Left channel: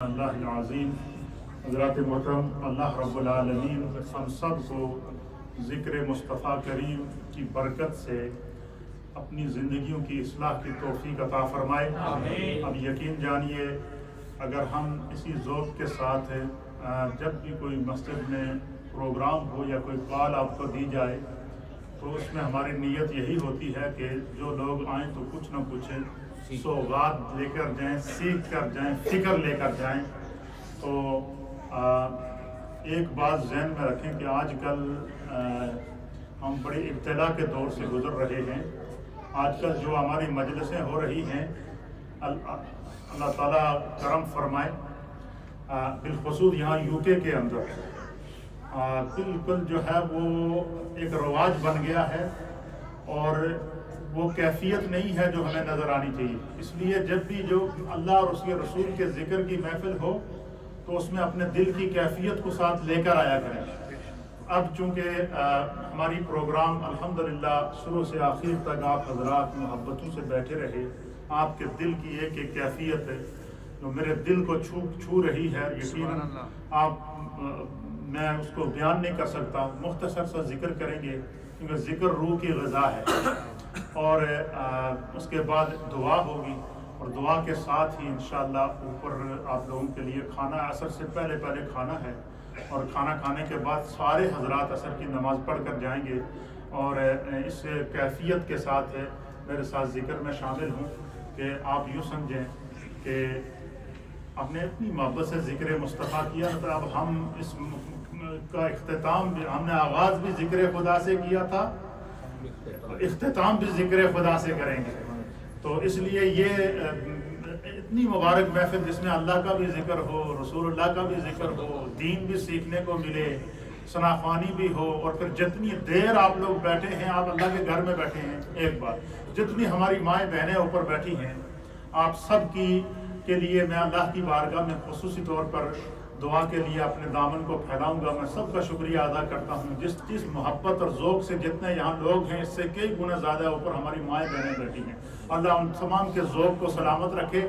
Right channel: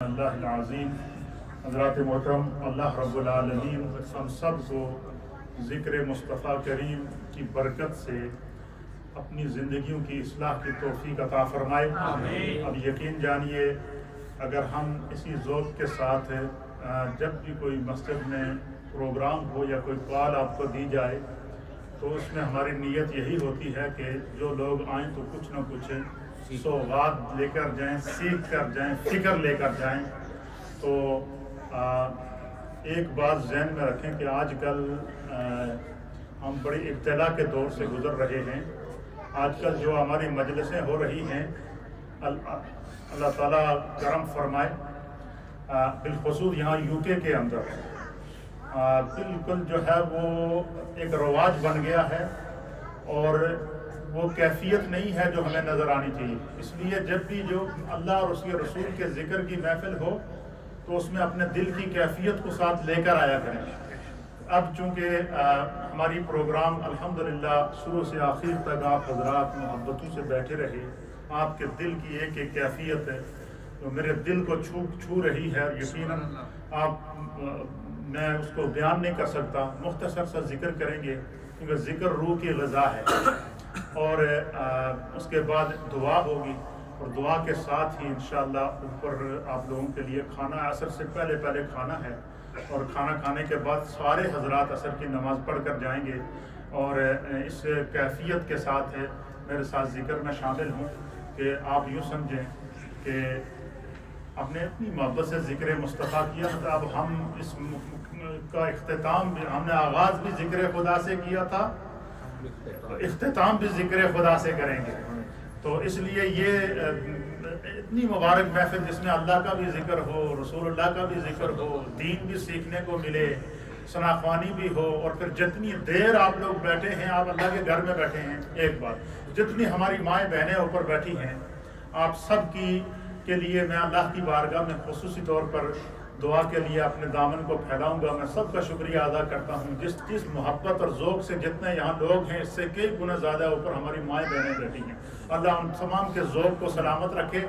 اللہ العظیم۔ حضرات محترم، اللہ رب العالمین ہم سب کو ذکر مصطفیٰ کریم کی برکت سے اپنی زندگیوں کی اصلاح کی توفیق عطا فرمائے۔ اب یقین جانیے، اگر ہم اسی ذوق کے ساتھ جب بھی کوئی مسجد میں پروگرام ہو یا کوئی کال آپ کو دی جائے تو اس میں ہماری نیت یہی ہوتی ہے کہ جو لوگ آئیں تو کچھ نہ کچھ سوغات لے کر جائیں، سیکھ کر جائیں، فکر لے کر جائیں۔ تو ایک بات ذہن میں رکھیں کہ آج کل ہم بڑی ابتلا کے دور سے گزر رہے ہیں۔ آج کل جو ہماری مجلسیں ہو رہی ہیں، اللہ تعالیٰ کرم فرمائے، بالخصوص یہاں UK کے اندر بالکل جو ہے وہ ایک رواج بن گیا ہے اور وہ کیفیت نہیں ہے جو ہمیں نظر آنی چاہیے۔ اس لیے جب بھی جو اللہ اور اس کے رسول کے ذکر کی محفل ہو تو اس میں اپنے دل کی کیفیت کو ساتھ لے کر آیا کریں۔ اب چونکہ ہماری پروگرام الحمدللہ شروع سے آخر تک آپ حضرات محبتوں سے بیٹھے رہے، آپ کے دل کی ایک ایک کیفیت ہے جو میرے دل کو چھو رہی ہے۔ یقیناً میں اس کو بیان نہیں کر سکتا، مختصر سا ذکر کریں گے کیونکہ ذکر روح کی غذا ہے۔ اور اس کے بعد دعا ہوگی اور دعا کے ساتھ ہی انشاءاللہ اوپر آپ لوگوں کے لیے کھانا عصر سے پہلے کھانا ہے، اور کھانا کھانے کے بعد سارے حضرات عصر کی نماز پڑھ کر جائیں گے۔ اور اس کیفیت کے ساتھ میرے ساتھ ذکر میں شامل ہوں کہ آپ یوں سمجھیں کہ ہم نے اپنی محبت سے ذکر مصطفیٰ کیا، مطلب اب ہم اس کا اختتام بھی، ہم نے آغاز بھی ذکر خدا سے کیا تھا، اختتام بھی ذکر خدا سے کریں گے۔ تو اس لیے یہ اتنی مبارک محفل جس میں اللہ کا بھی ذکر ہو، رسول اللہ کا بھی ذکر ہو، دین بھی سیکھنے کو ملے، ثناءخوانی بھی ہو، اور پھر جتنی دیر آپ لوگ بیٹھے ہیں، آپ اللہ کے گھر میں بیٹھے ہیں، ایک بات جتنی ہماری مائیں بہنیں اوپر بیٹھی ہیں، آپ سب کے لیے میں اللہ کی بارگاہ میں خصوصی طور پر دعا کے لیے اپنے دامن کو پھیلاؤں گا۔ میں سب کا شکریہ ادا کرتا ہوں، جس محبت اور ذوق سے جتنے یہاں لوگ ہیں اس سے کئی گنا زیادہ اوپر ہماری مائیں بہنیں بیٹھی ہیں۔ اللہ ان تمام کے ذوق کو سلامت رکھے۔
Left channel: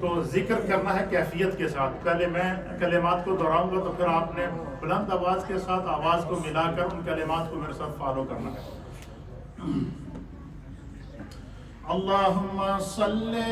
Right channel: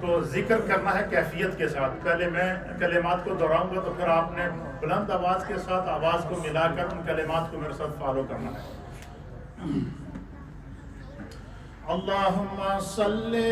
تو ذکر کرنا ہے کیفیت کے ساتھ۔ پہلے میں کلمات کو دہراؤں گا تو پھر آپ نے بلند آواز کے ساتھ آواز کو ملا کر ان کلمات کو میرے ساتھ فالو کرنا ہے۔ اللہم صلی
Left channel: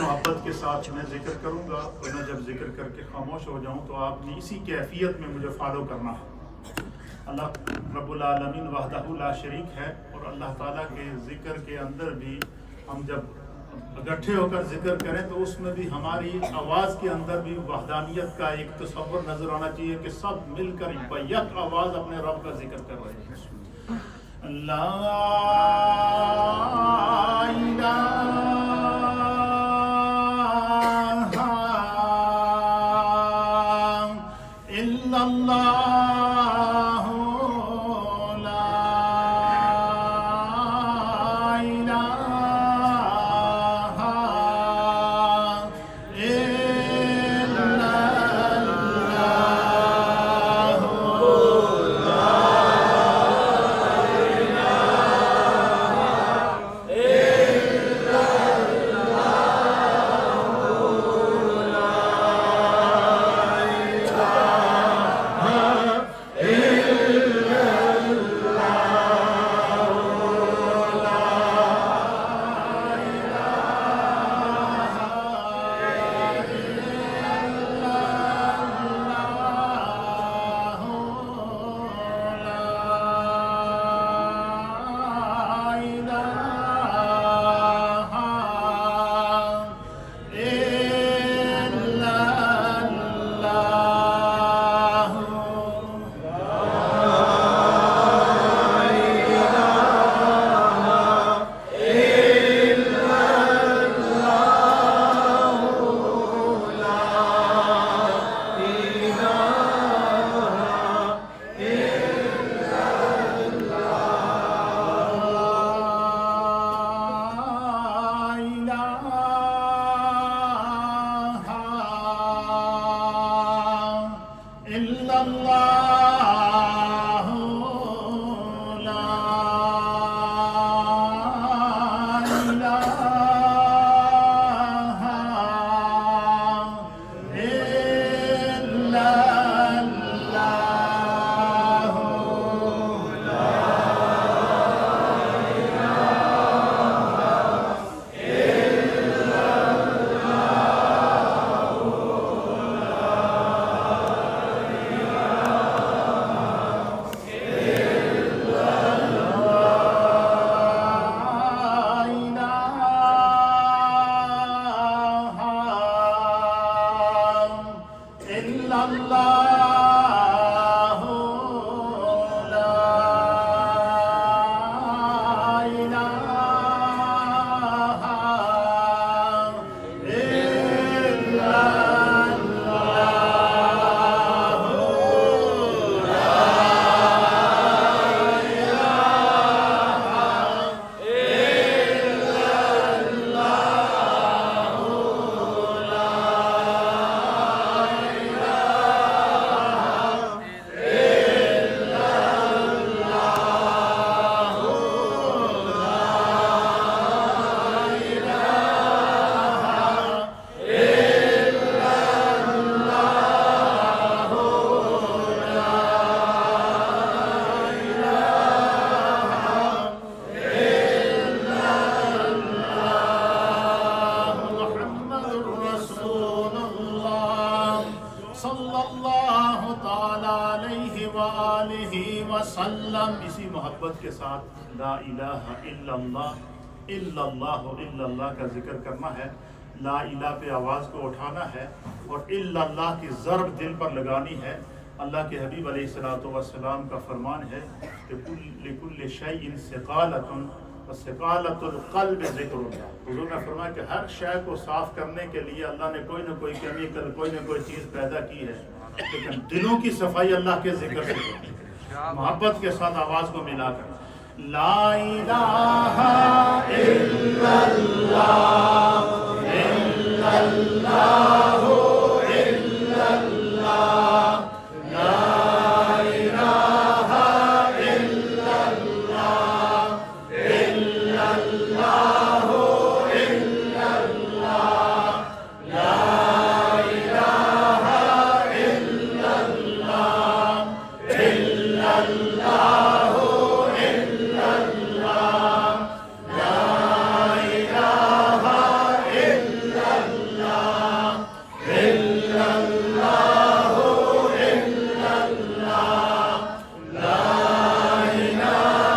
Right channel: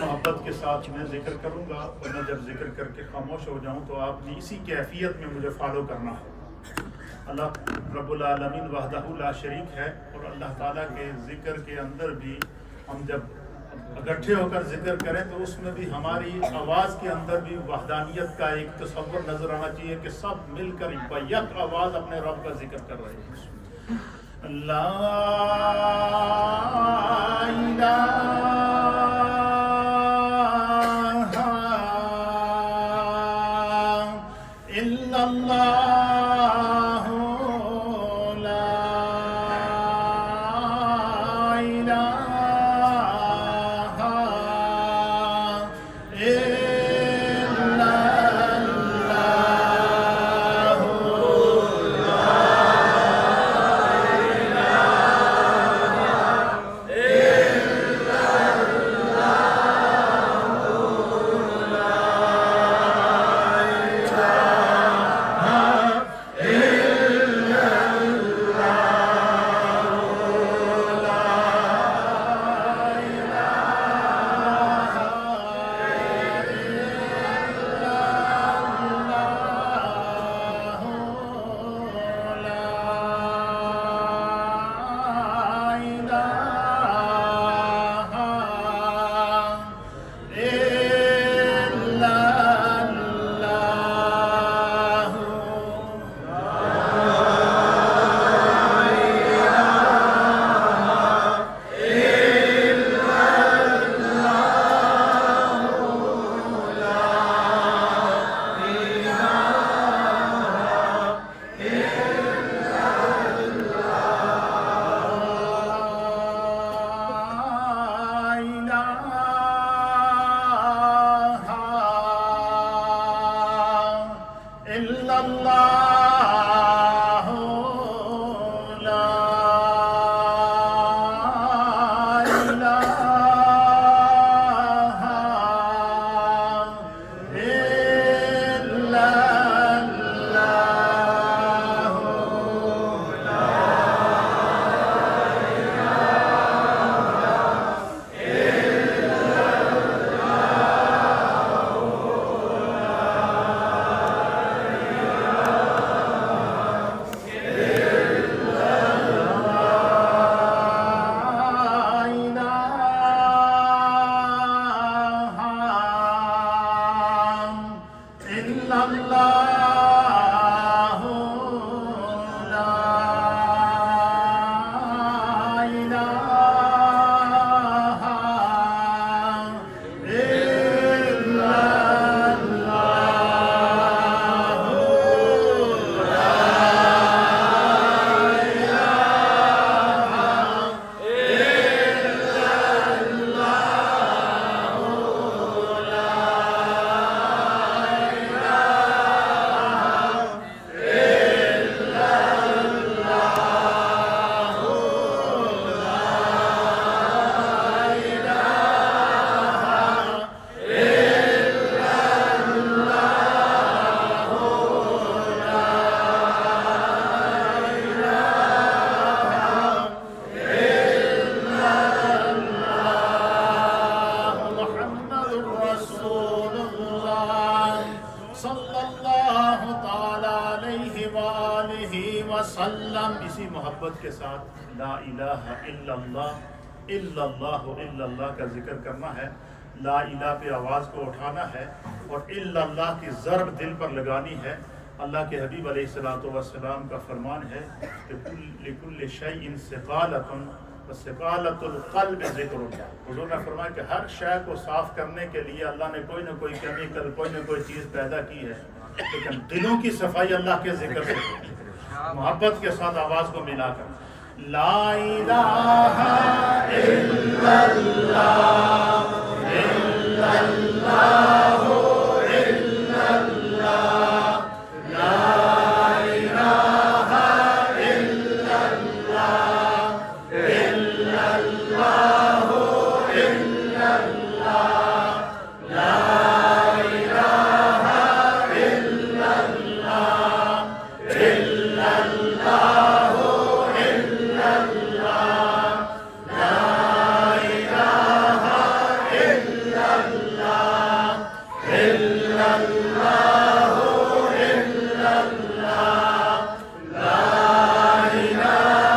محبت کے ساتھ میں ذکر کروں گا اور میں جب ذکر کر کے خاموش ہو جاؤں تو آپ نے اسی کیفیت میں مجھے فالو کرنا ہے۔ اللہ رب العالمین وحدہ لا شریک ہے، اور اللہ تعالیٰ کے ذکر کے اندر بھی ہم جب اکٹھے ہو کر ذکر کریں تو اس میں بھی ہماری آواز کے اندر بھی وحدانیت کا ایک تصور نظر آنا چاہیے کہ سب مل کر بیک آواز اپنے رب کا ذکر کر رہے ہیں۔ لا الہ الا اللہ، لا الہ الا اللہ، وسلم اسی محبت کے ساتھ لا الہ الا اللہ الا اللہ الا اللہ کا ذکر کرنا ہے. لا الہ پہ آواز کو اٹھانا ہے اور الا اللہ کی ضرب دل پر لگانی ہے. اللہ کے حبیب علیہ الصلوۃ والسلام کا فرمان ہے کہ لکل شیء ثقالۃ وثقالۃ القلب ذکر. حضور نے فرمایا کہ ہر شے کو صاف کرنے کے لیے اللہ نے کوئی نہ کوئی کیمیکل کوئی نہ کوئی چیز پیدا کی ہے. لیکن دلوں کی صفائی اللہ کے ذکر سے ہوتی ہے، محبت کے ساتھ آواز کو ملا کر لا الہ الا اللہ الا اللہ الا اللہ لا الہ الا اللہ الا اللہ الا اللہ لا الہ الا اللہ الا اللہ الا اللہ لا الہ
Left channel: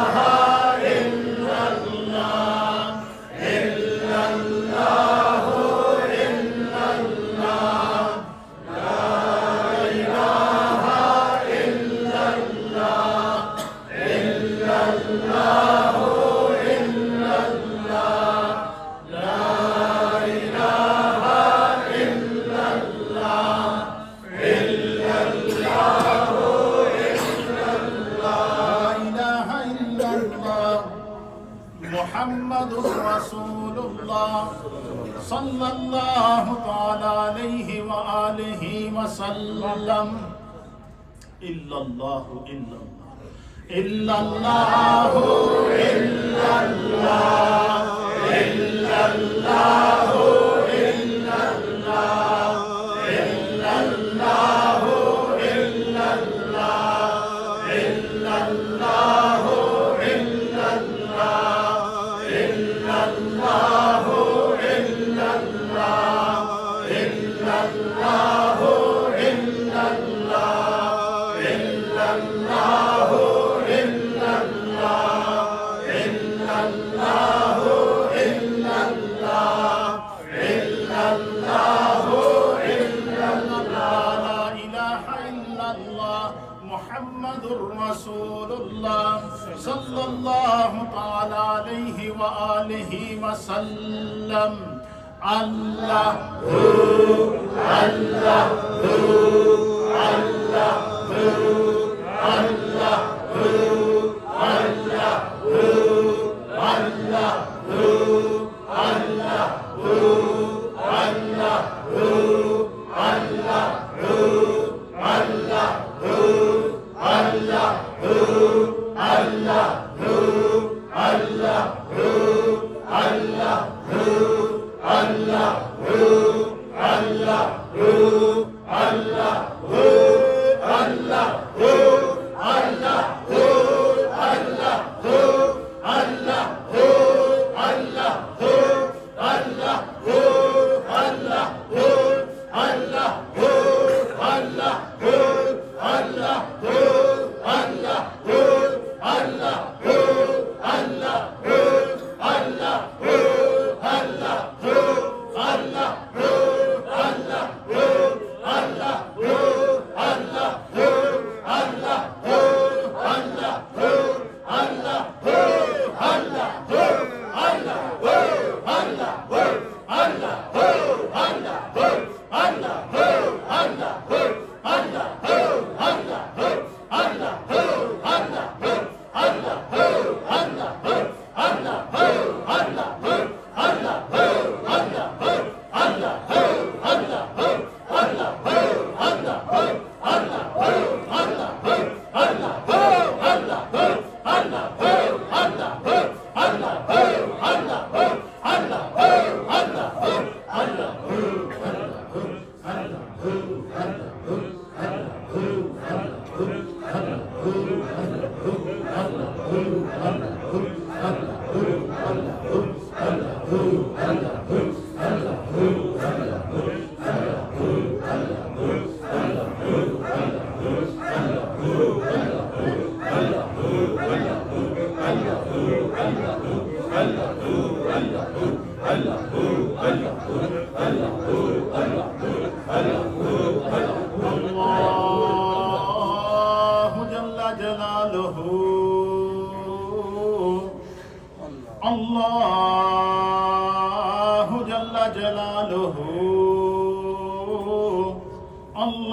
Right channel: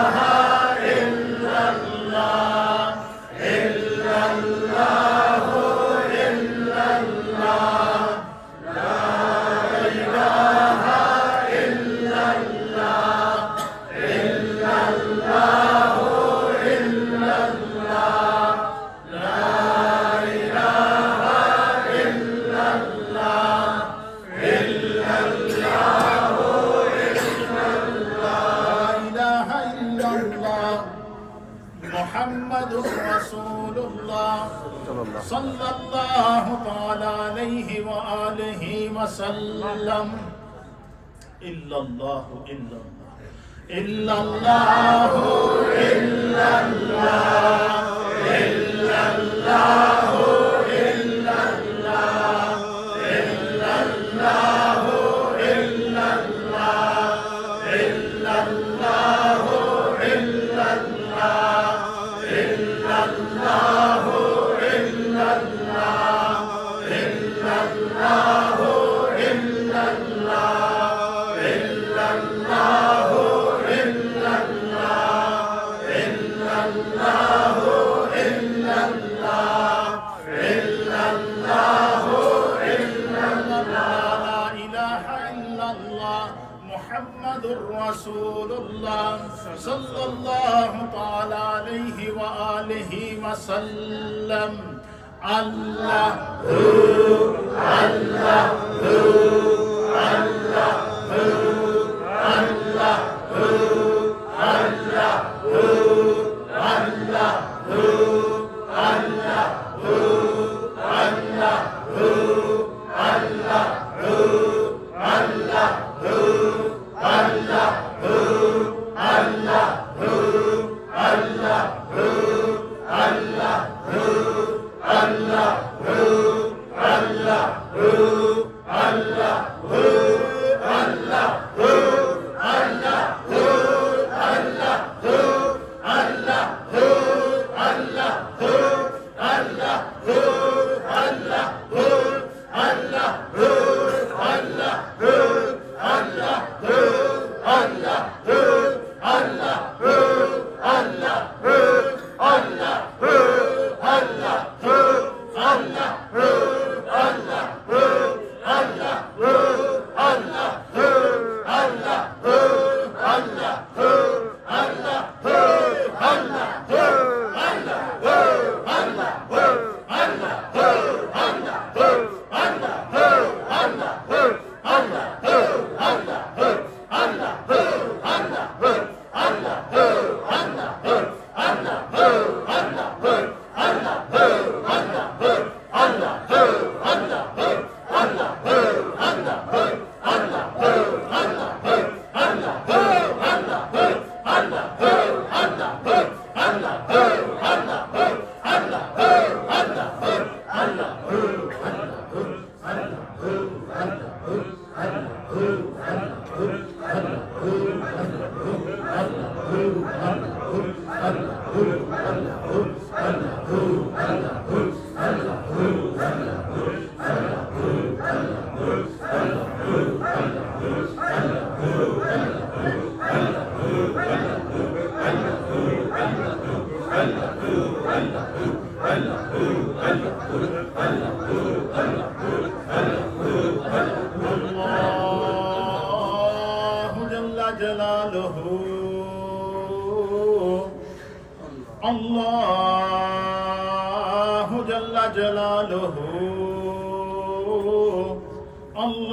الا اللہ الا اللہ الا اللہ لا الہ الا اللہ الا اللہ الا اللہ لا الہ الا اللہ الا اللہ الا اللہ لا الہ الا اللہ الا اللہ الا اللہ لا الہ الا اللہ محمد رسول اللہ صلی اللہ تعالی علیہ وآلہ وسلم الا اللہ الا اللہ الا اللہ الا اللہ الا اللہ الا اللہ الا اللہ الا اللہ الا اللہ الا اللہ الا اللہ الا اللہ الا اللہ الا اللہ الا اللہ الا اللہ الا اللہ الا اللہ الا اللہ لا الہ الا اللہ محمد رسول اللہ صلی اللہ تعالی علیہ وآلہ وسلم اللہ اللہ اللہ اللہ اللہ اللہ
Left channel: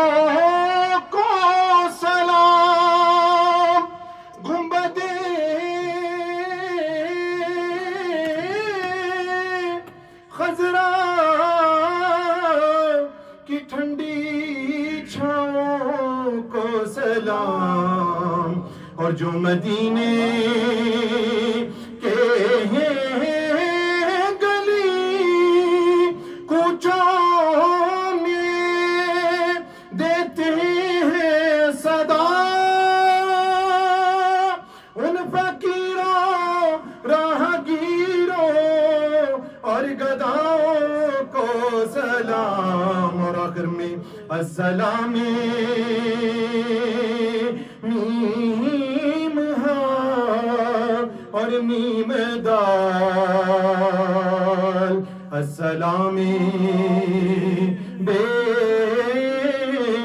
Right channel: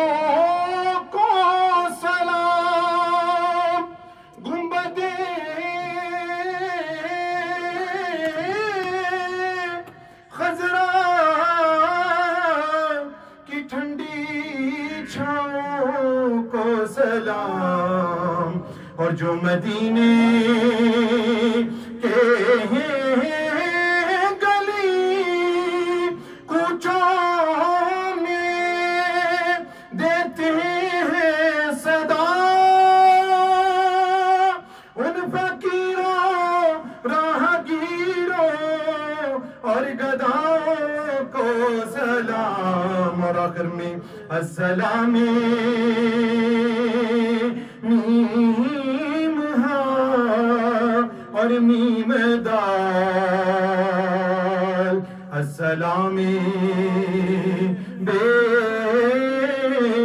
اور جو مدینے کے گلی کوچوں میں دیتے ہیں صدا، ان فقیروں راہگیروں اور گداؤں کو سلام، اور آخر میں السلام میم ہاں اور میم دال، السلام بے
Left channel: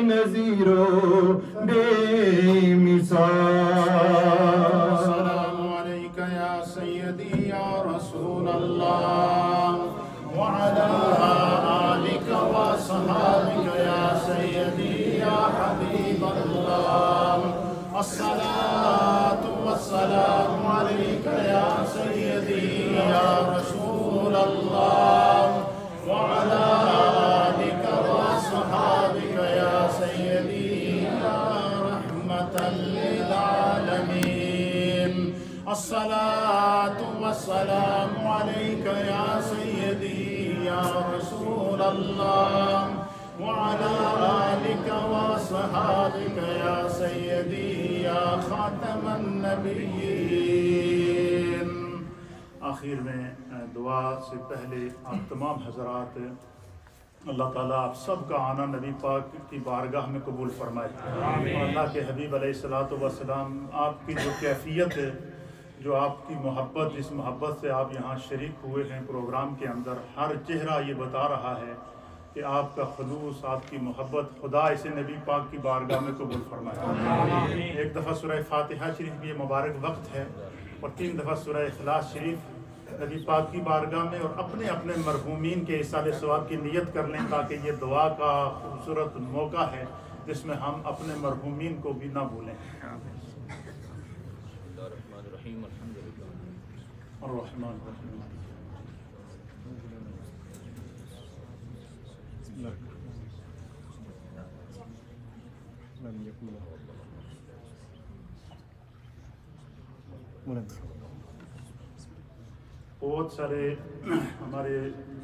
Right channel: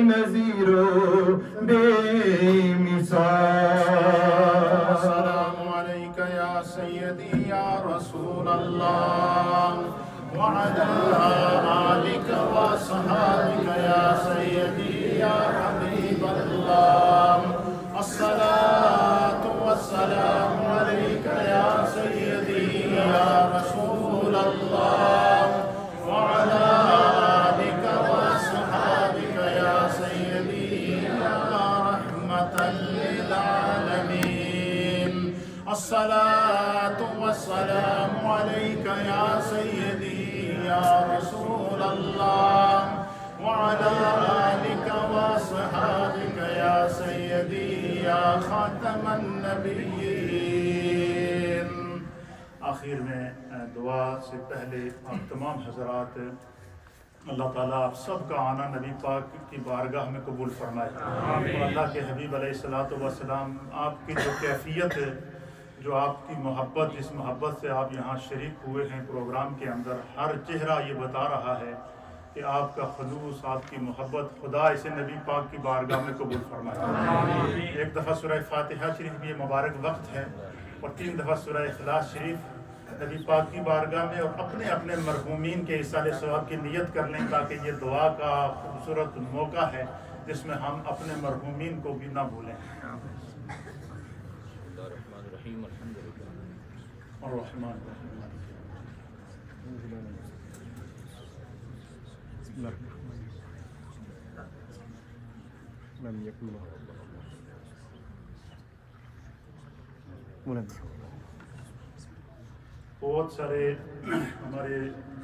نظیر و بے مثال۔ السلام علیکہ یا سیدی یا رسول اللہ وعلی آلک و صحابک یا سیدی یا حبیب اللہ، الصلاة والسلام علیکہ یا سیدی یا رسول اللہ وعلی آلک و صحابک یا سیدی یا رحمة للعالمین، الصلاة والسلام علیکہ یا سیدی یا رسول اللہ وعلى آلك وصحابك يا سيدي يا خاتم النبيين۔ آخر میں دعا سے پہلے آپ تمام حضرات اللہ تعالیٰ آپ سب کا آنا نبی پاک کی بارگاہ میں قبول فرمائے، اور اللہ کے حبیب علیہ السلام آپ کی جو کیفیت ہے، جو آپ کی محبت، جس محبت سے آپ یہاں شریک ہوئے ہیں پروگرام کے اندر، ہر چہرہ یہ بتا رہا ہے کہ آپ کا خلوص، آپ کی محبت خدا اسے نبی پاک کی بارگاہ میں قبول فرمائے۔ ایک دفعہ سورہ فاتحہ شریف بھی یہ مبارک وقت ہے، اور 3 دفعہ سورہ اخلاص شریف نبی پاک کی بارگاہ میں، اور اپنے اپنے مرحومین کے ایصال ثواب کی نیت کر لیں، تاکہ یہ دعا کا خوبصورت موقع ہے جس میں ہم اپنے مرحومین کو بھی نہ بھولیں۔ الرحمن الرحیم الحمد للہ الرحمن الرحیم بہت سارے ہمارے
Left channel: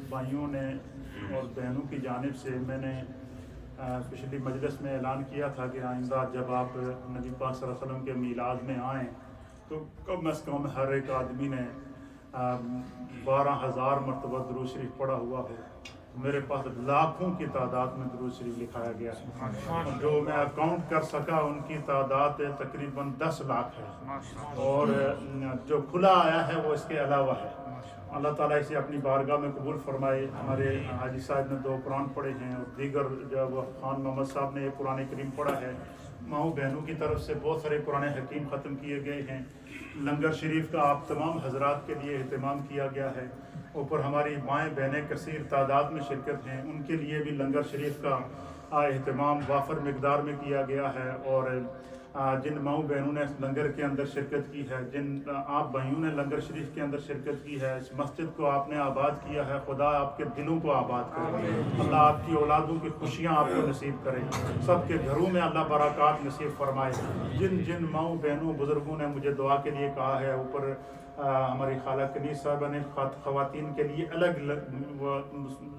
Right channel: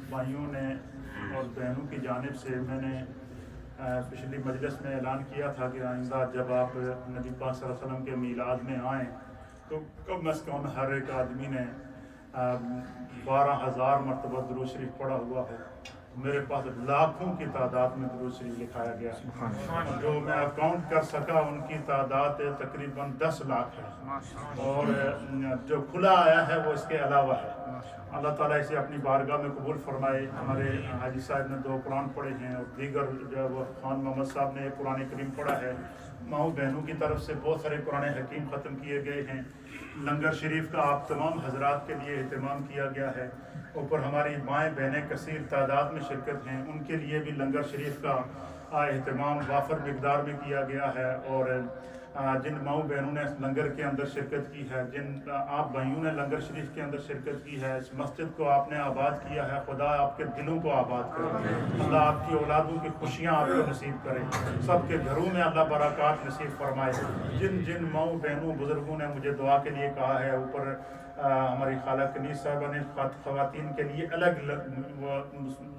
بھائیوں نے اور بہنوں کی جانب سے میں نے پچھلی مجلس میں اعلان کیا تھا کہ آئندہ جب آپ نبی پاک صلی اللہ علیہ وسلم کے میلاد میں آئیں تو کم از کم ہر ایک آدمی نے 12,000 مرتبہ درود شریف پڑھا ہوا ہو۔ میرے پاس لاکھوں کی تعداد میں درود شریف لکھایا گیا ہے، جو میں اکاؤنٹ کر سکا ان کی تعداد تقریباً 10 لاکھ ہے، اور جو کھلا آیا ہے وہ اس کے علاوہ ہے۔ اللہ تعالیٰ اسے اپنی بارگاہ میں قبول فرمائے۔ ہمارے حاجی صاحب نے 2 قرآن پڑھے ہیں، اور دیگر جو خان محمد صاحب نے ایک قرآن کریم پڑھا ہے۔ ماؤں بہنوں کی طرف سے بہت سارے قرآن حکیم ختم کیے گئے ہیں۔ لنگر شریف کا آپ تمام حضرات کے لیے اہتمام کیا گیا ہے۔ اوپر ہماری مائیں بہنیں کثیر تعداد میں شرکت ہیں، ان کے لیے بھی لنگر شریف کا اہتمام وافر مقدار میں کیا گیا ہے۔ اور جن ماؤں بہنوں نے لنگر کے اندر شرکت کی ہے، جن آپ بھائیوں نے لنگر شریف کے اندر شرکت کی ہے، اس مسجد کو آپ نے آباد کیا ہے، خدا آپ کے دلوں کو آباد کرے، اللہ آپ کی اولادوں کی خوشیاں آپ کو نصیب کرے، سب کے گھروں میں اللہ برکات نصیب فرمائے۔ جن جن ماؤں بہنوں بزرگوں نے مجھے دعا کے لیے کہا ہے، اوپر ہماری خالہ کنیز صاحبہ نے خواتین کے لیے الگ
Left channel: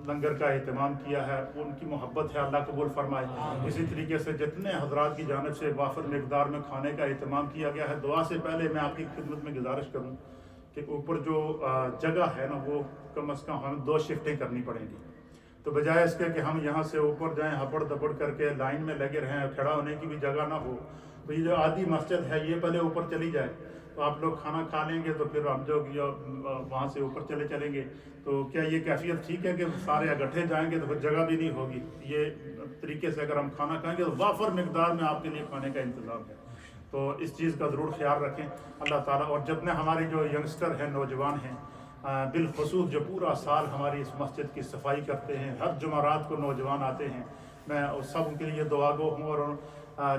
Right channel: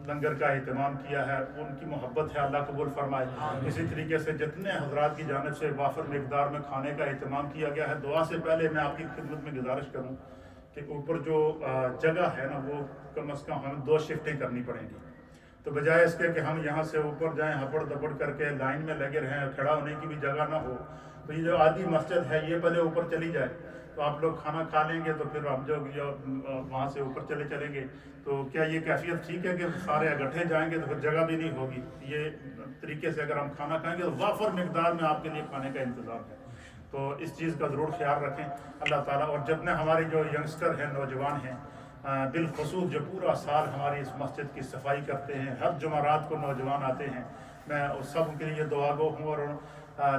لنگر کا اہتمام کیا ہے، ان کی محبت ہے، اللہ قبول فرمائے۔ اسی طریقے سے جتنے حضرات کی جانب سے وافر مقدار میں کھانے کا اہتمام کیا گیا ہے، دعا سے پہلے میں آپ کی خدمت میں گزارش کروں کہ اوپر جو جگہ ہے نا، وہ کم از کم ہمیں 2 شفٹیں کرنی پڑیں گی۔ تو بجائے اس کے کہ ہم یہاں سے اوپر جائیں ہبڑ دبڑ کر کے لائن میں لگے رہیں، کھڑا ہونے کی بھی جگہ نہ ہو، تو یہ جو آدھی مسجد ہے یہ پہلے اوپر چلی جائے، تو آپ لوگ کھانا کھا لیں گے، تو پھر ہم جو وہاں سے اوپر چلیں گے، تو کیا یہ کیفیت ٹھیک ہے کہ سارے اکٹھے جائیں گے تو پھر جگہ بھی نہیں ہوگی؟ یہ طریقے سے اگر ہم کھانا کھائیں گے تو وافر مقدار میں آپ کے لیے کھانے کا انتظام ہے، تو اس چیز کا ضرور خیال رکھیں اللہ تعالیٰ۔ اور جتنے ہمارے جو ینگسٹر ہیں، نوجوان ہیں، بالخصوص جو پورا سال ہماری اس مسجد کی صفائی کرتے ہیں، ہر جمعرات کو نوجوان آتے ہیں، میں سب کے لیے دعا گو ہوں، اور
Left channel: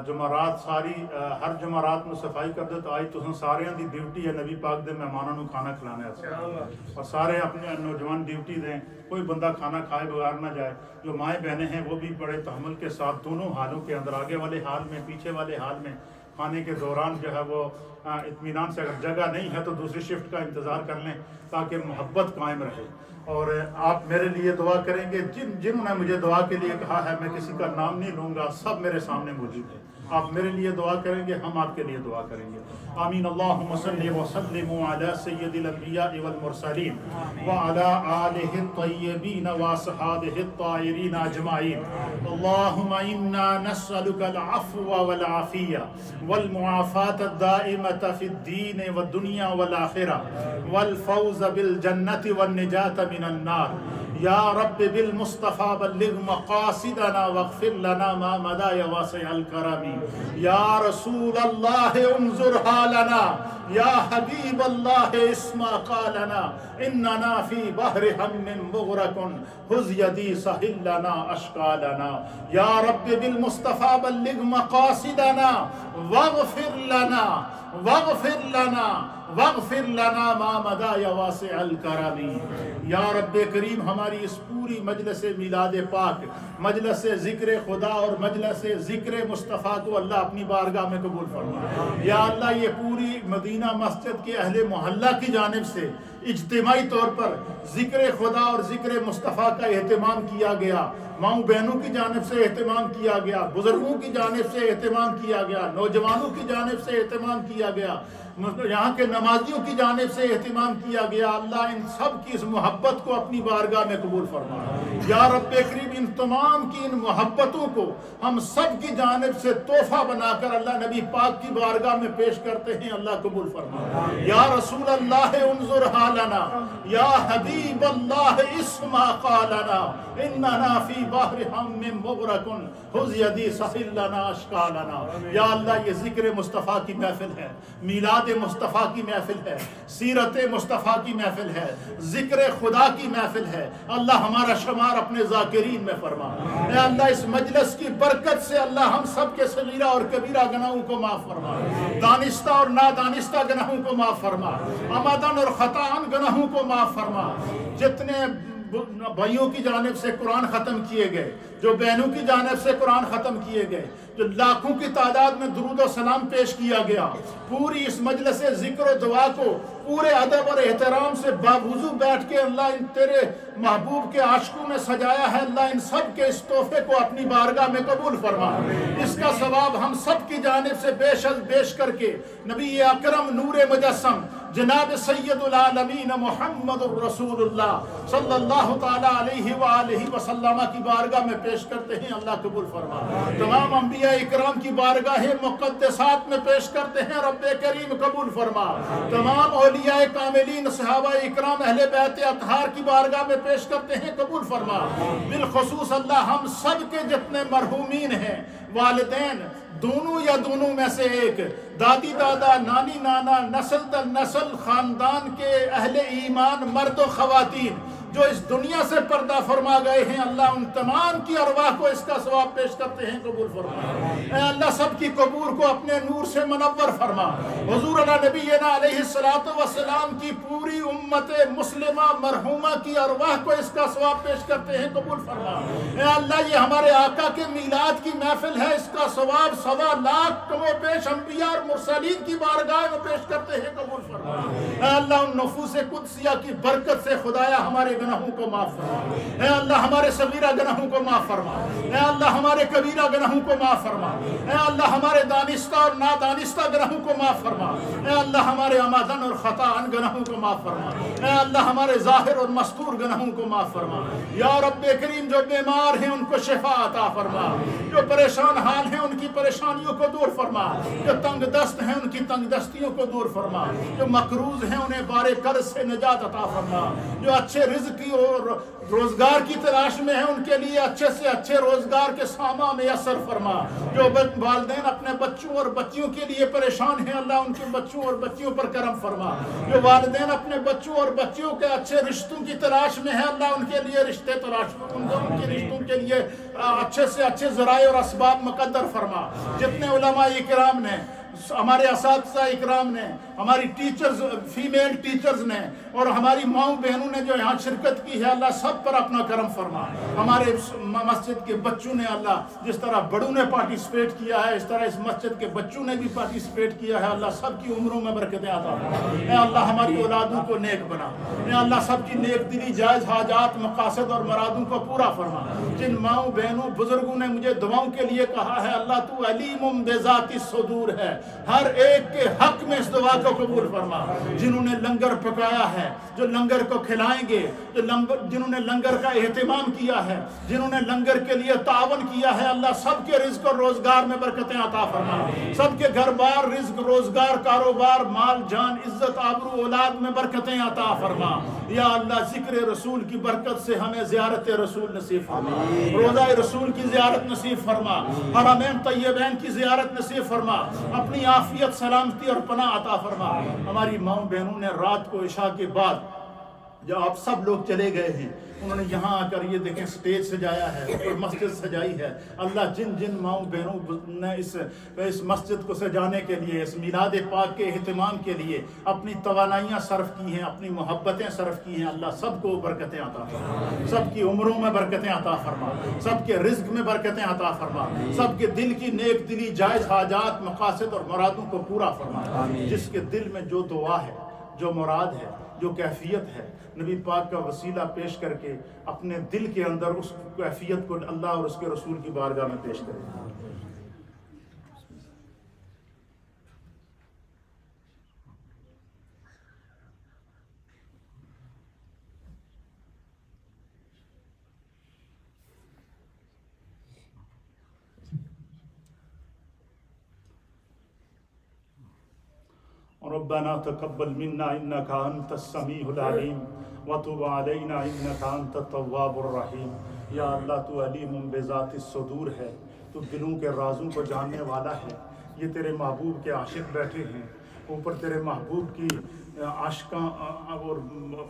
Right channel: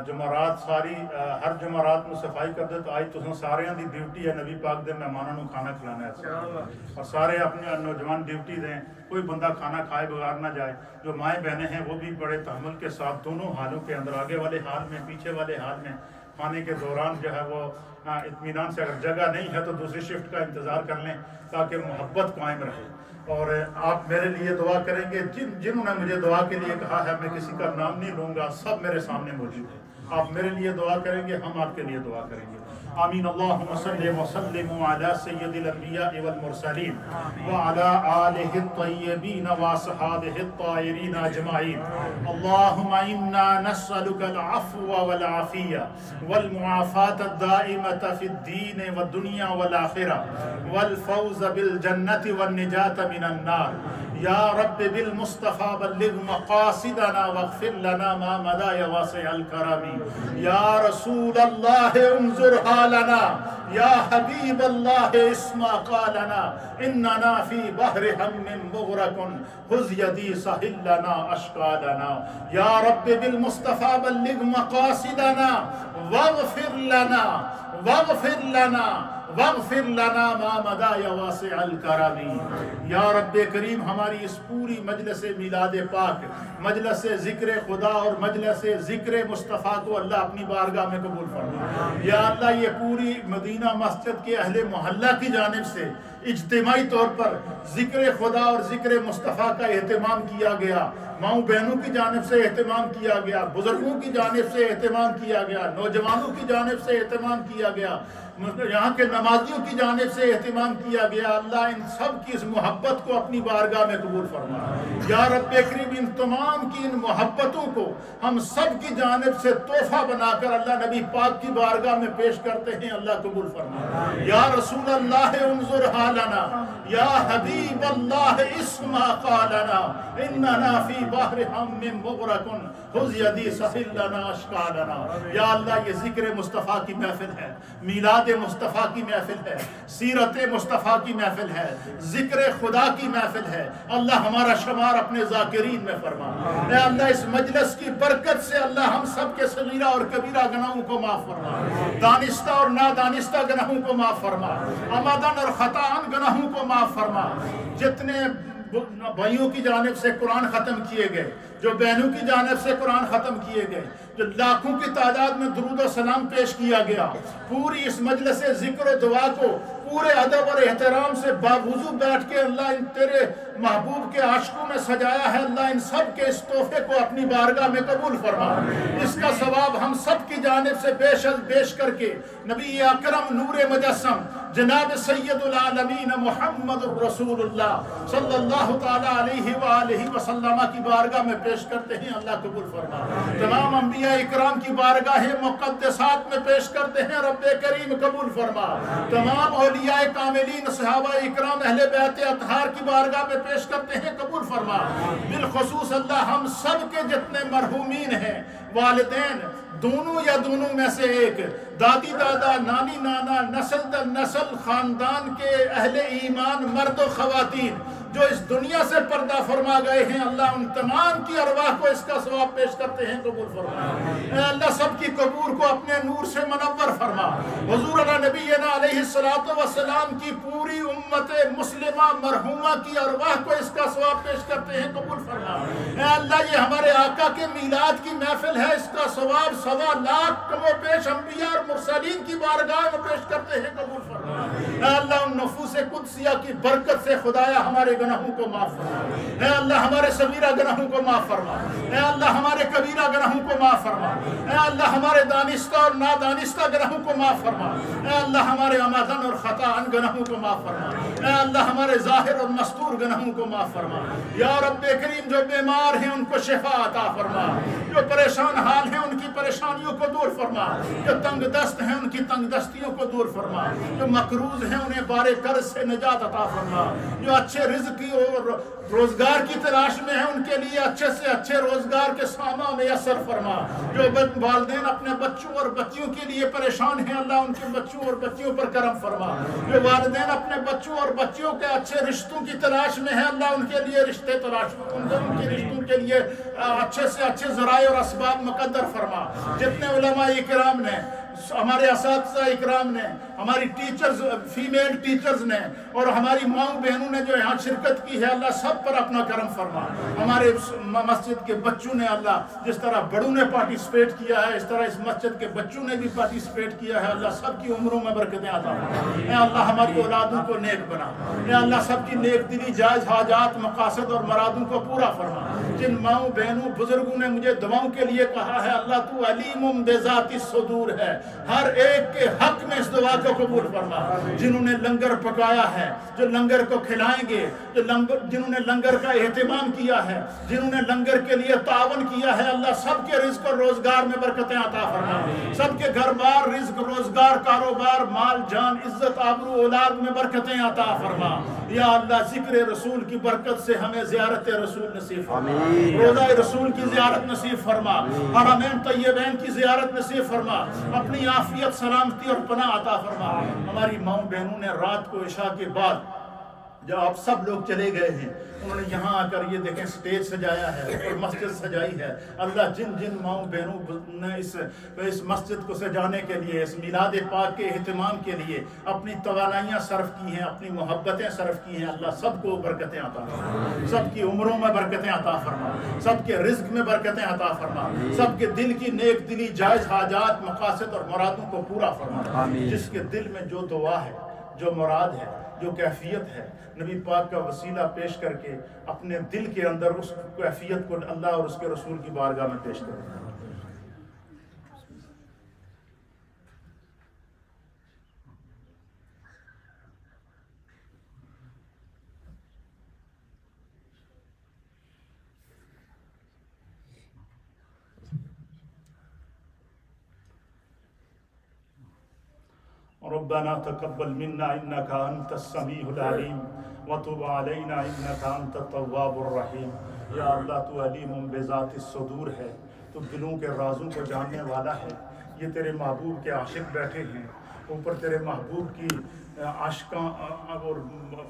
جمعرات ساری ہر جمعرات میں صفائی کر دے، تو آج تو سارے دی ڈیوٹی ہے نبی پاک دے مہمانوں کو کھانا کھلانا ہے، اور سارے اپنے نوجوان ڈیوٹی دیں، کوئی بندہ کھانا کھائے بغیر نہ جائے۔ جو مائیں بہنیں ہیں وہ بھی بڑے تحمل کے ساتھ دونوں حالوں کے اندر، آگے والے حال میں، پیچھے والے حال میں، کھانے کے دوران جو ہے وہ اطمینان سے، اگر جگہ نہیں ہے تو دوسری شفٹ کا انتظار کر لیں تاکہ محبت قائم رہے۔ اور آپ میرے لیے دعا کریں گے، جنہوں نے مجھے دعا کے لیے کہا ہے، میں کسی کا نام نہیں لوں گا، سب میرے سامنے موجود ہے۔ آپ میرے لیے دعا کریں گے، ہم آپ کے لیے دعا کریں گے۔ آمین۔ اللہم صلی وسلم علی سید الانبیاء والمرسلین وعلی آلہ الطیبین واصحابہ الطاہرین اجمعین۔ اللہم انا نسألک العفو والعافیہ والمعافاة الدائمة فی الدین والدنیا والآخرہ والفوز بالجنة والنجاة من النار۔ یا رب بالمصطفى بلغ مقاصدنا واغفر لنا ما مضى یا واسع الکرم۔ یا رسول اللہ انظر حالنا، یا حبیب اللہ اسمع قالنا، اننا فی بحر ہم مغرق خذ یدی سہل لنا اشکالنا۔ یا رب بالمصطفى بلغ مقاصدنا واغفر لنا واغفر لنا ما مضى یا واسع الکرم۔ یا رب کریم ہماری اس پوری مجلس میلاد پاک، مجلس ذکر خدا اور مجلس ذکر مصطفیٰ کو اللہ اپنی بارگاہ میں قبول فرما۔ یا اللہ یہ پوری مدینہ مسجد کے اہل محلہ کی جانب سے اجتماعی طور پر ذکر خدا اور ذکر مصطفیٰ کا اہتمام کیا گیا، ماؤں بہنوں کی جانب سے اہتمام کیا گیا، بزرگوں کی جانب سے اہتمام کیا گیا، نوجوانوں کی جانب سے اہتمام کیا گیا، یہاں کے نمازیوں کی جانب سے اہتمام کیا گیا۔ اللہ ان سب کی اس محبت کو اپنی بارگاہ میں قبول فرما۔ یا رب کریم ان تمام کی ان محبتوں کو ہم سب کی جانب سے تحفہ بنا کر اللہ نبی پاک کی بارگاہ میں پیش کرتے ہیں، اللہ قبول فرما۔ یا رسول اللہ انظر حالنا، یا حبیب اللہ اسمع قالنا، اننا فی بحر ہم مغرق خذ یدی سہل لنا اشکالنا۔ یا اللہ یہ ذکر مصطفیٰ کی محفل ہے، میلاد مصطفیٰ کی محفل ہے، سیرت مصطفیٰ کی محفل ہے، ذکر خدا کی محفل ہے۔ اللہ ہمارا شمار اپنے ذاکرین میں فرما۔ اے اللہ اس مجلس کی برکت سے اللہ ہم سب کے صغیرہ اور کبیرہ گناہوں کو معاف فرما، دانستہ اور نادانستہ گناہوں کو معاف فرما، عمدن اور خطاً گناہوں کو معاف فرما۔ جتنے بھائیوں کی جانب سے قرآن ختم کیے گئے، جو بہنوں کی جانب سے قرآن ختم کیے گئے، جو لاکھوں کی تعداد میں درود و سلام پیش کیا گیا، پوری اس مجلس ذکر و دعا کو پورے ادب اور احترام سے باوضو بیٹھ کے اللہ ان تیرے محبوب کے عاشقوں میں سجایا ہے، اللہ ان سب کے اس تحفے کو اپنی بارگاہ میں قبول فرما۔ اس کا ثواب ہم سب کی جانب سے بیش کر کے نبی اکرم نور مجسم جناب سید العالمین محمد الرسول اللہ صلی اللہ تعالیٰ علیہ وآلہ وسلم کی بارگاہ میں پیش کرتے ہیں، اللہ قبول فرما۔ تمام انبیاء اکرام کی بارگاہ مقدسات میں پیش کرتے ہیں، رب کریم قبول فرما۔ تمام اولیاء کاملین صحابہ اکرام اہل بیت اطہار کی بارگاہ میں پیش کرتے ہیں، قبول فرما۔ بالخصوص اللہ ہم سب کے جتنے مرحومین ہیں، والدین دونوں یا دونوں میں سے ایک، دادی دادا، نانی نانا، نسل در نسل خاندان کے اہل ایمان مرد و خواتین جو اس دنیا سے پردہ فرما گئے ہیں، اللہ ان تمام کی ارواح کو اس کا ثواب پیش کرتے ہیں، قبول فرما۔ اے اللہ سب کی قبور کو اپنے نور سے منور فرما۔ حضور علی نبینا علیہ السلام کی پوری امت مسلمہ مرحومہ کی ارواح کو اس کا ثواب پیش کرتے ہیں، قبول فرما۔ اے اللہ یہ ہمارے آقا کے میلاد کی محفل ہے، اس کا ثواب 1.25 لاکھ کم و بیش انبیاء اور مرسلین کی بارگاہ میں پیش کرتے ہیں، قبول فرما۔ اے اللہ ان نفوس قدسیہ کی برکت سے خدایا ہمارے گناہوں کو معاف فرما۔ اے اللہ ہمارے صغیرہ گناہوں کو معاف فرما۔ اے اللہ ہمارے کبیرہ گناہوں کو معاف فرما۔ اے اللہ ہمارے دانستہ اور نادانستہ گناہوں کو معاف فرما۔ اے اللہ ہمارے عمدن اور خطاً گناہوں کو معاف فرما۔ اے اللہ ہمارے ظاہر اور مستور گناہوں کو معاف فرما۔ یا رب کریم جو بیمار ہیں ان کو شفا عطا فرما، جو پریشان حال ہیں ان کی پریشانیوں کو دور فرما، جو تنگ دست ہیں ان کی تنگ دستیوں کو دور فرما، جو مقروض ہیں انہیں بارے قرض سے نجات عطا فرما، جو اچھے رزق کی اور روزگار کی تلاش میں ہیں ان کے لیے اچھے سے اچھے روزگار کے ساما میسر فرما، جو والدین اپنے بچوں اور بچیوں کے لیے پریشان ہیں اللہ ان کے بچوں اور بچیوں پر کرم فرما، جو والدین اپنے بچوں اور بچیوں کے اچھے رشتوں کی تلاش میں ہیں اللہ ان کے لیے رشتے تلاش، ان کے رشتوں کے لیے اچھے سے اچھے ذرائع اور اسباب مقدر فرما۔ جتنے علماء اکرام نے ہمارے اساتذہ اکرام نے، ہماری ٹیچرز، فیمیل ٹیچرز نے، اور ہماری ماؤں بہنوں نے جو یہاں شرکت کی ہے، اللہ سب پر اپنا کرم فرما۔ ہمارے مسجد کے بچوں نے اللہ جس طرح بڑوں نے پارٹیسپیٹ کیا ہے، اس طرح اس مسجد کے بچوں نے بھی پارٹیسپیٹ کیا ہے، اللہ سب کی عمروں میں برکتیں عطا فرما۔ اے اللہ ہماری اولادوں کو نیک بنا، اے اللہ سب کی نیک دلی جائز حاجات، مقاصد اور مرادوں کو پورا فرما۔ جن ماؤں بہنوں بزرگوں نے مجھے دعاؤں کے لیے کہا ہے، اللہ تو علیم بذات الصدور ہے، ہر ایک کے حق میں اس دعا کو قبول فرما۔ جنہوں نے لنگر پکایا ہے، جو لنگر کو کھلائیں گے، جنہوں نے لنگر کا اہتمام کیا ہے، جنہوں نے لنگر کے لیے تعاون کیا ہے، اللہ سب کے رزق اور روزگار میں برکتیں عطا فرما۔ سب کے گھر بار، رزق، روزگار، کاروبار، مال، جان، عزت، آبرو، اولاد میں برکتیں عطا فرما۔ یا اللہ ذکر رسول کی برکت سے ہمیں زیارت رسول نصیب فرما، روضہ رسول کی زیارت نصیب فرما، حرمین طیبین کی زیارت نصیب فرما، اپنی عافیت، سلامتی اور پناہ عطا فرما۔ ہماری ماؤں بہنوں نے رات کو عشاء کے بعد جب آپ سب لوگ چلے گئے ہیں، انہوں نے یہاں آ کر یہ دیکھیں سٹیج سجایا ہے اور مسجد سجائی ہے۔ اللہ جن جن ماؤں بہنوں نے اس مسجد کو سجانے کے لیے، اس میلاد پاک کے اہتمام کے لیے اپنی توانائیاں صرف کی ہیں، اپنی محبتیں صرف کی ہیں، اللہ سب کو برکتیں عطا فرما، سب کی عمروں میں برکتیں عطا فرما، سب کے رزق میں برکتیں عطا فرما، سب کے دل کی نیک دلی جائز حاجات، مقاصد اور مرادوں کو پورا فرما۔ جس کے دل میں جو دعا ہے، جو مراد ہے، جو کیفیت ہے، نبی پاک کا وسیلہ پیش کر کے اپنے دل کے اندر اس کیفیت کو اللہ اور اس کے رسول کی بارگاہ میں پیش کریں۔ ربنا تقبل منا انك انت السميع العليم وتب علينا انك انت التواب الرحيم۔ یا اللہ تو علیم بذات الصدور ہے، تو دلوں کے رازوں کو جاننے والا ہے۔ یہ تیرے محبوب کے عاشق بیٹھے ہیں، اوپر تیرے محبوب کی عاشقاں اور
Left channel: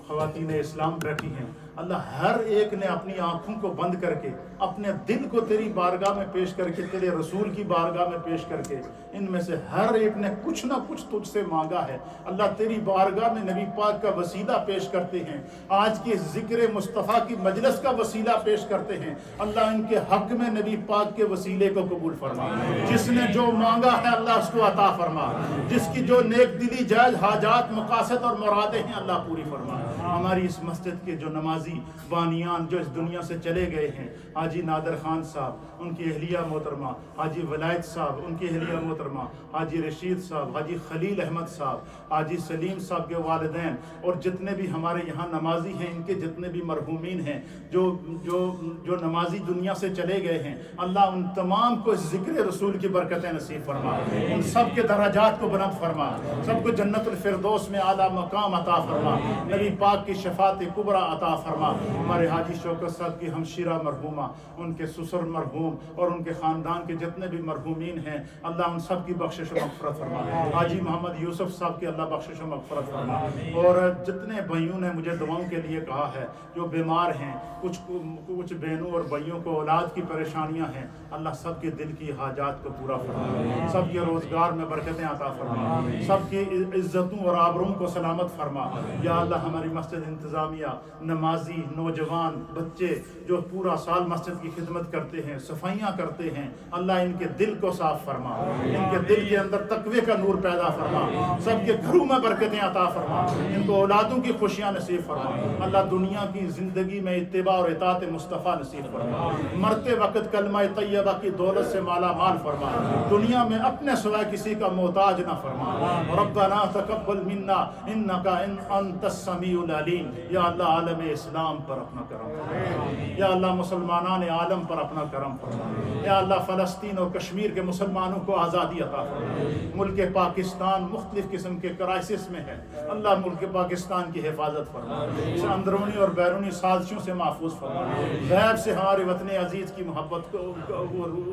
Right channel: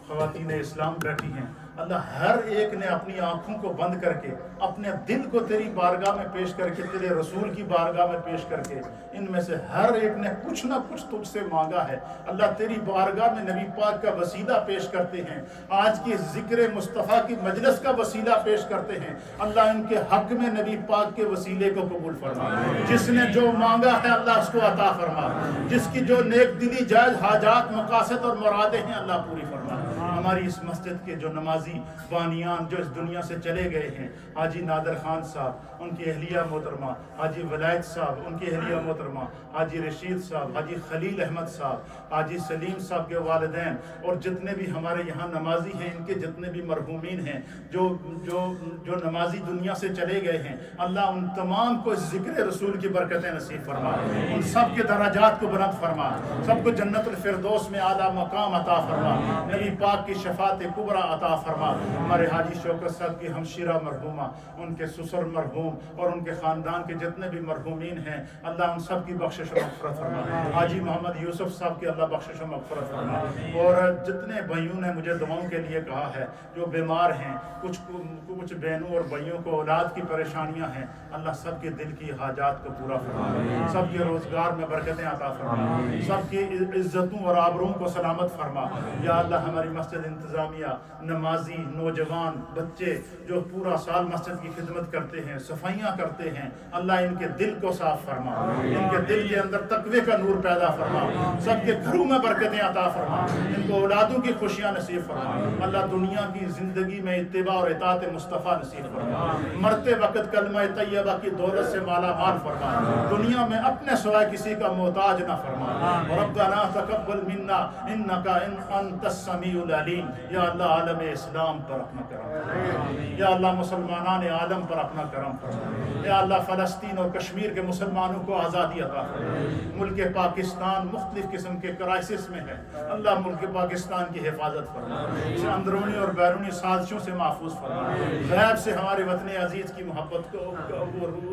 خواتین اسلام بیٹھی ہیں۔ اللہ ہر ایک نے اپنی آنکھوں کو بند کر کے اپنے دل کو تیری بارگاہ میں پیش کر کے، تیرے رسول کی بارگاہ میں پیش کر کے، ان میں سے ہر ایک نے کچھ نہ کچھ تجھ سے مانگا ہے۔ اللہ تیری بارگاہ میں نبی پاک کا وسیلہ پیش کرتے ہیں، آج کی ذکر مصطفیٰ کی مجلس کا وسیلہ پیش کرتے ہیں۔ اللہ ان کے حق میں نبی پاک کے وسیلے کو قبول فرما۔ جس نے جو مانگا ہے اللہ اس کو عطا فرما، جس کی جو نیک دلی جائز حاجات، مقاصد اور مرادیں ہیں اللہ پوری فرما۔ ہماری اس مسجد کے جو نمازی بانیان جو اس دنیا سے چلے گئے ہیں، حاجی نادر خان صاحب، ان کی اہلیہ محترمہ، حاجی ولایت صاحب، ان کی اہلیہ محترمہ، حاجی رشید صاحب، حاجی خلیل احمد صاحب، حاجی سلیم صاحب کے والدین، اور جتنے بھی ہمارے یہاں نمازی ہیں، ان کے جتنے بھی مرحومین ہیں جو نمازی دنیا سے چلے گئے ہیں، اللہ ان تمام کو اس ذکر رسول کی برکتیں نصیب فرما، ان سب کے درجات کو بلند فرما، سب کو جنت الفردوس میں اعلیٰ مقام عطا فرما، نبی پاک کی شفاعت کبریٰ عطا فرما۔ ہمارے حاجی شوکت صاحب کی ہمشیرہ مرحومہ، ان کے سسر مرحوم اور ان کے خاندان کے جتنے بھی مرحومین ہیں، اللہ ان سب کی بخشش و مغفرت فرما۔ حاجی محمد یوسف صاحب کی اللہ بخشش و مغفرت فرما۔ اور جتنے بھائیوں نے مجھے دعاؤں کے لیے کہا ہے، جو بیمار ہیں، کچھ بہنوں اور بھائیوں کو اولاد کی پریشانیاں ہیں، اللہ سب کے دل کی حاجات کو پورا فرما، سب کے روزگار میں برکتیں عطا فرما، سب کی عزتوں اور آبروؤں کو سلامت فرما۔ یا اللہ ہماری مسجد انتظامیہ، نمازی، نوجوان، بچے جو پورا سال مسجد کی خدمت کرتے ہیں، صفائیاں کرتے ہیں، اللہ ان کے دل کو صاف فرما، ان کے دل کے اندر تقوی کا نور پیدا فرما، سب کے گھروں میں برکتیں عطا فرما، ان کو اولادوں کی خوشیاں نصیب فرما۔ اللہ دنیا کی زندگی میں اتباع اور اطاعت مصطفیٰ نصیب فرما، مرتے وقت کلمہ طیبہ کی دولت سے مالا مال فرما، دنیا میں اپنے سوائے کسی کا محتاج نہ فرما۔ ربنا تقبل منا انک انت السمیع العلیم۔ یا اللہ عالم اسلام پر اپنا کرم فرما، یا اللہ مسلمانان عالم پر اپنا کرم فرما، یا اللہ فلسطین اور کشمیر کے مسلمانوں کو آزادی عطا فرما۔ ملک پاکستان مختلف قسم کے کرائسس میں ہے، اللہ ملک پاکستان کی حفاظت فرما، اسے اندرونی اور بیرونی سازشوں سے محفوظ فرما، غیب سے ہمارے وطن عزیز کی محبت کو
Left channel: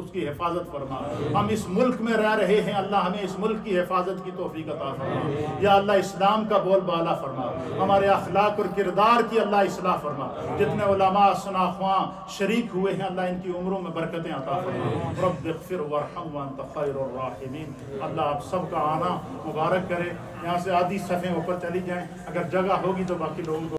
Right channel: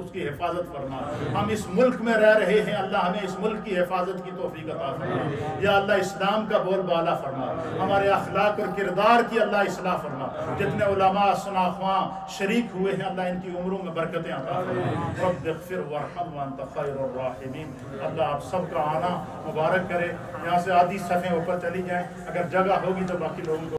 اس کی حفاظت فرما۔ ہم اس ملک میں رہ رہے ہیں، اللہ ہمیں اس ملک کی حفاظت کی توفیق عطا فرما۔ یا اللہ اسلام کا بول بالا فرما، ہمارے اخلاق اور کردار کی اللہ اصلاح فرما۔ جتنے علماء، ثناء خواں شریک ہوئے ہیں، اللہ ان کی عمروں میں برکتیں عطا عطا فرما رب اغفر وارحم وانت خیر الراحمین اللہ آپ سب کا آنا مبارک کرے یہاں سے آدھی صفیں اوپر چلی جائیں اگر جگہ ہوگی تو باقی لوگوں کو